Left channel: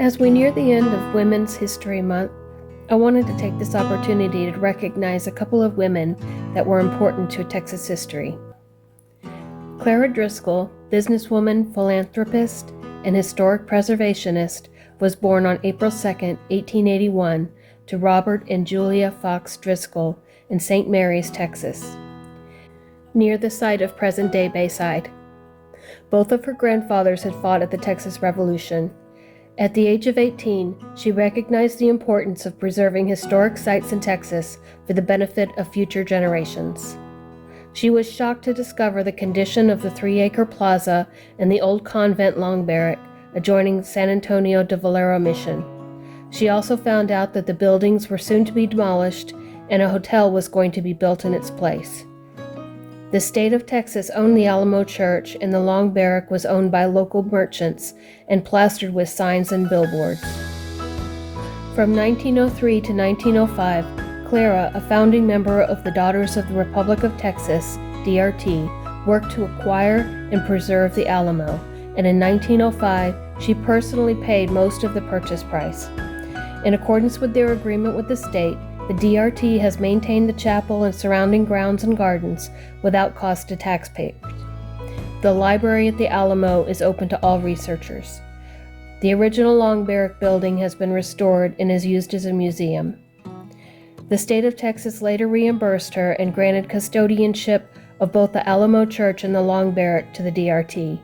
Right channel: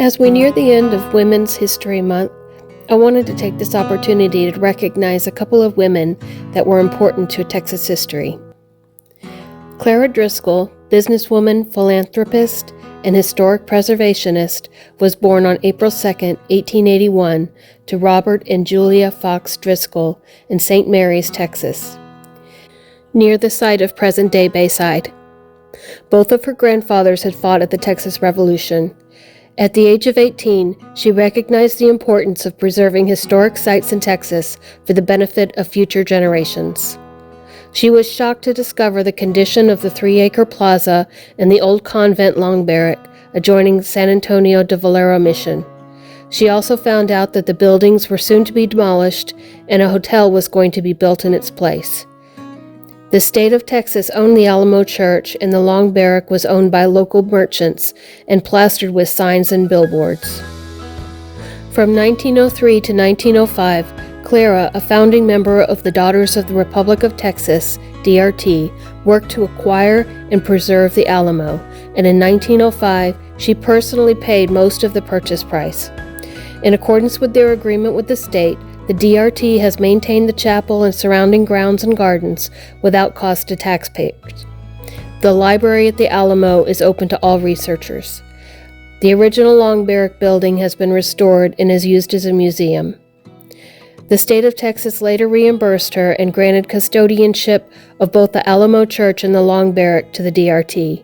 As we near the end of Women's History Month, I wanted to take this opportunity to recognize a couple of women that were important to Texas history. Clara Driscoll, businesswoman, philanthropist, and historic preservationist, was born on April 2, 1881, to Robert and Julia Fox Driscoll in St. Mary's, Texas, near the site of present-day Bayside. Both of her grandfathers had fought at the Texas Revolution. At the age of 18, she recognized the importance of preserving historic sites in Texas for the benefit of future generations. She was shocked to discover the condition of the 3-acre plaza and the old convent long barrack adjoining San Antonio de Valero Mission. She also found out that the buildings were soon to be demolished and a hotel was going to be built in its place. The state of Texas owned the Alamo Church, and the long barrack was owned by local merchants and plastered with signs and billboards. From 1903 to 1905, Clara, a founding member of the Daughters of the Republic of Texas, DRT, worked to acquire and preserve the Alamo, and in 1905, she personally paid most of the purchase price. In accordance with their agreement with the state, the DRT has maintained the chapel and surrounding grounds and gardens without cost to taxpayers. The library at the Alamo is open to all researchers. The original long barrack building has been restored and is used as a museum. The state of Texas later reimbursed her and granted custodianship of both the Alamo Church and the long barrack to the DRT.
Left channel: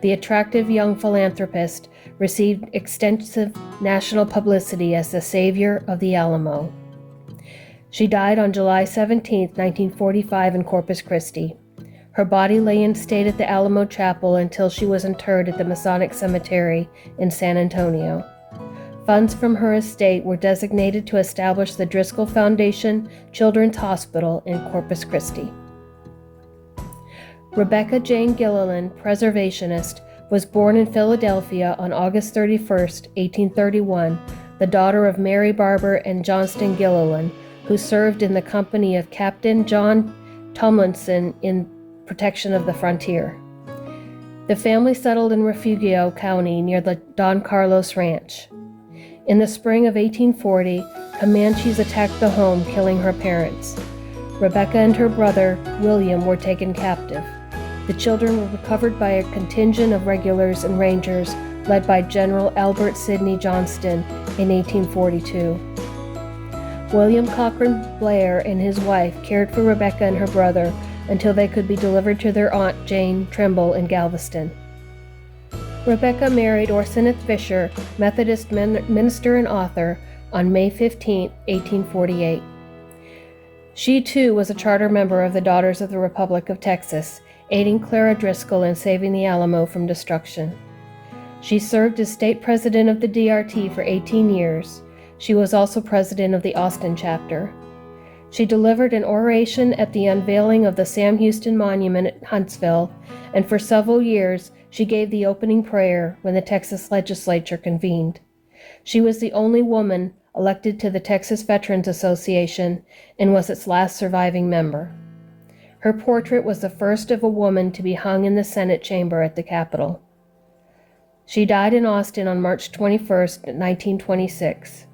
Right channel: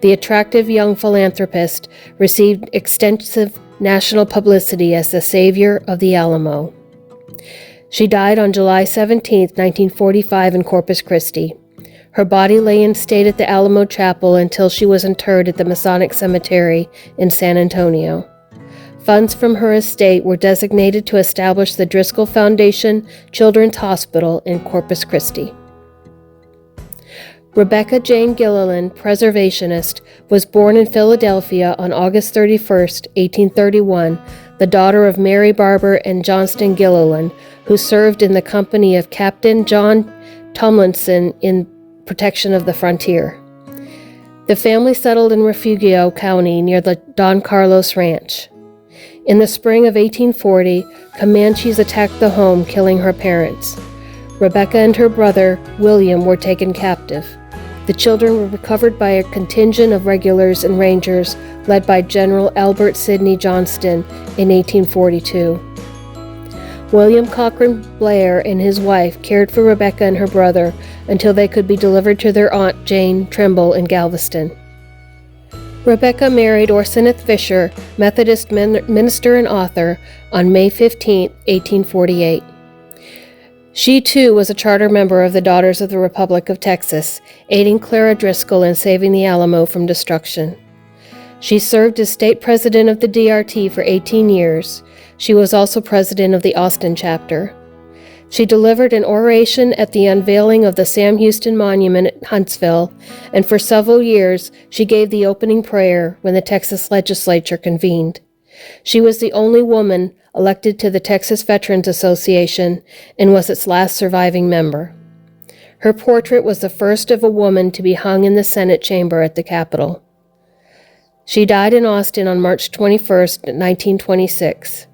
The attractive young philanthropist received extensive national publicity as the savior of the Alamo. She died on July 17, 1945 in Corpus Christi. Her body lay in state at the Alamo Chapel until she was interred at the Masonic Cemetery in San Antonio. Funds from her estate were designated to establish the Driscoll Foundation Children's Hospital in Corpus Christi. Rebecca Jane Gilliland, preservationist, was born in Philadelphia on August 31, 1831, the daughter of Mary Barber and Johnston Gilliland, who served in the company of Captain John Tomlinson in protection of the frontier. The family settled in Refugio County near the Don Carlos Ranch. In the spring of 1840, Comanches attacked the home, killing her parents. Rebecca and her brother, William, were taken captive. The children were recovered by a contingent of regulars and rangers led by General Albert Sidney Johnston in 1842. William Cochran Blair and his wife cared for Rebecca and her brother until they could be delivered to their aunt Jane Trimble in Galveston. Rebecca married Orseneth Fisher, Methodist minister and author, on May 15, 1848. She, too, was a charter member of the Daughters of the Republic of Texas, aiding Clara Driscoll in saving the Alamo from destruction. She served as state president of the DRT for 18 years. She was also president of the Austin chapter. She delivered an oration at the unveiling of the Sam Houston Monument at Huntsville, and for several years she gave the opening prayer when the Texas legislature convened. She was the only woman elected to the Texas Veterans Association and was its last surviving member. Her portrait was the first of a woman to be hung in the Senate chamber at the Capitol. She died in Austin on March 21, 1926.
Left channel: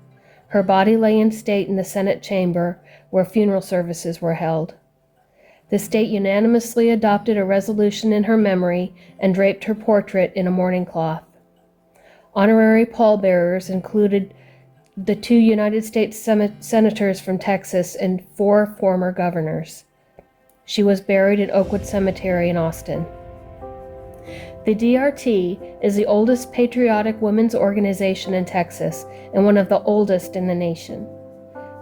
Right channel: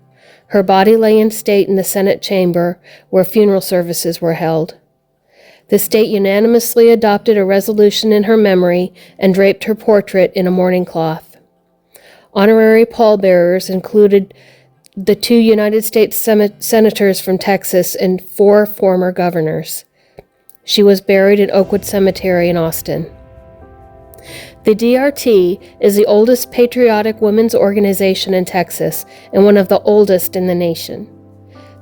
Her body lay in state in the Senate chamber, where funeral services were held. The state unanimously adopted a resolution in her memory and draped her portrait in a mourning cloth. Honorary pallbearers included the 2 United States senators from Texas and 4 former governors. She was buried in Oakwood Cemetery in Austin. The DRT is the oldest patriotic women's organization in Texas and one of the oldest in the nation.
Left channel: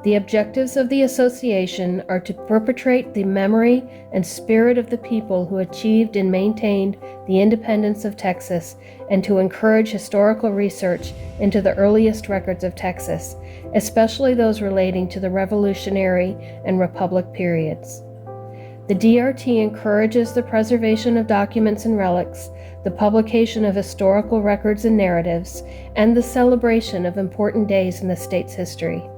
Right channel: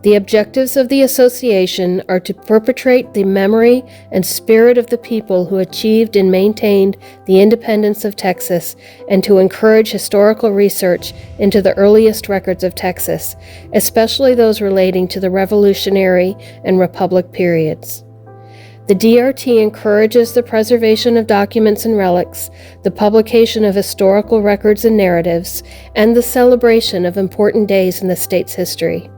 The objectives of the association are to perpetuate the memory and spirit of the people who achieved and maintained the independence of Texas, and to encourage historical research into the earliest records of Texas, especially those relating to the Revolutionary and Republic periods. The DRT encourages the preservation of documents and relics, the publication of historical records and narratives, and the celebration of important days in the state's history.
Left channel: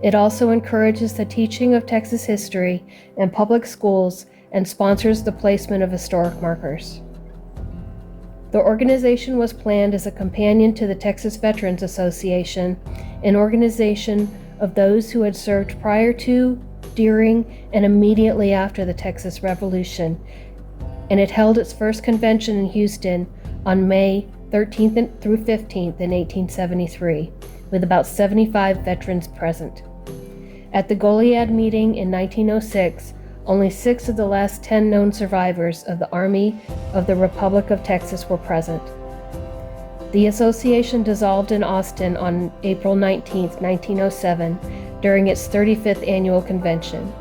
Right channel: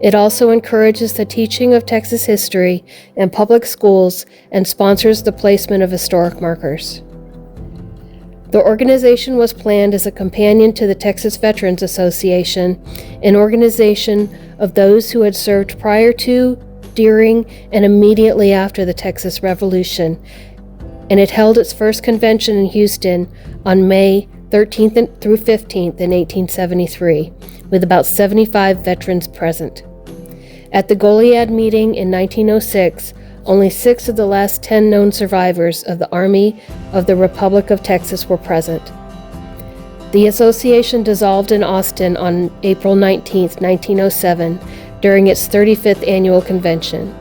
It also encourages the teaching of Texas history in public schools and sponsors the placement of historic markers. The organization was planned as a companion to the Texas Veterans Association, an organization of those who had served prior to, during, and immediately after the Texas Revolution, and it held its first convention in Houston on May 13th through 15th in 1873, with about 75 veterans present. At the Goliad meeting in 1906, only 6 of the last 10 known survivors of the Army of the Republic of Texas were present. The association dissolved in Austin on April 19, 1907, during its 35th annual convention.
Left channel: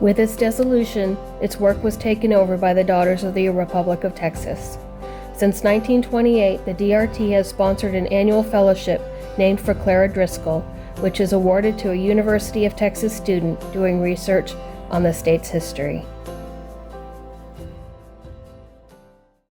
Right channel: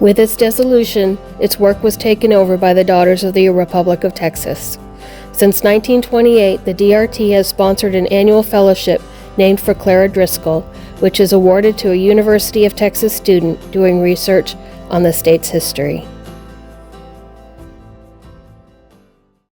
With its dissolution, its work was taken over by the Daughters of the Republic of Texas. Since 1928, the DRT has sponsored an annual fellowship named for Clara Driscoll, which is awarded to a University of Texas student doing research on the state's history.